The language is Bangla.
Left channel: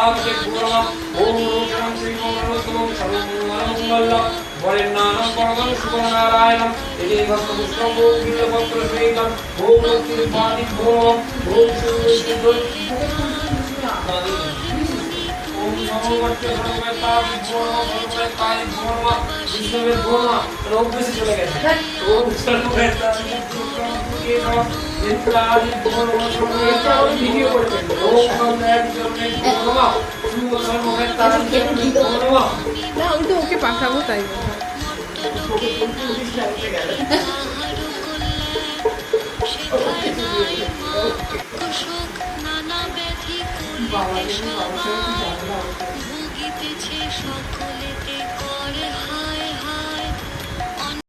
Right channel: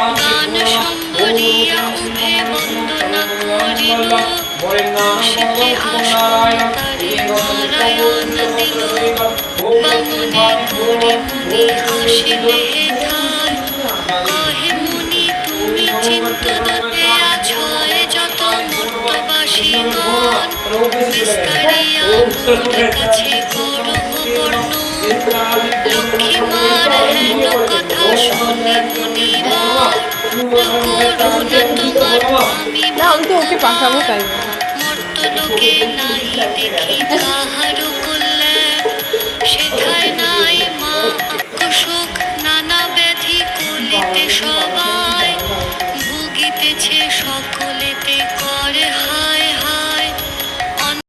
মান সম্বরিয়া উভে বন্দনামরিণ সেতে অশোকাকারে নারায়ণ বন্দনামি আসিবে হে মুনি তুমি চিত্তদতে আছো এ যত মর্তবাসীগণ নিস্তারিয়া উঠিতেছে গৌরব বর্ণ লক্ষ্মী মায়ের কথা শুনে মুনিরা না আমি তো ওকে পাঠাবো তাই মর্তলোকে নাই দেখি কাহারো কল্যাণ সেথায় নাই মা দুঃখ সুখ নানা ব্যাধি করিতে সবাই ভুগিতেছে সকল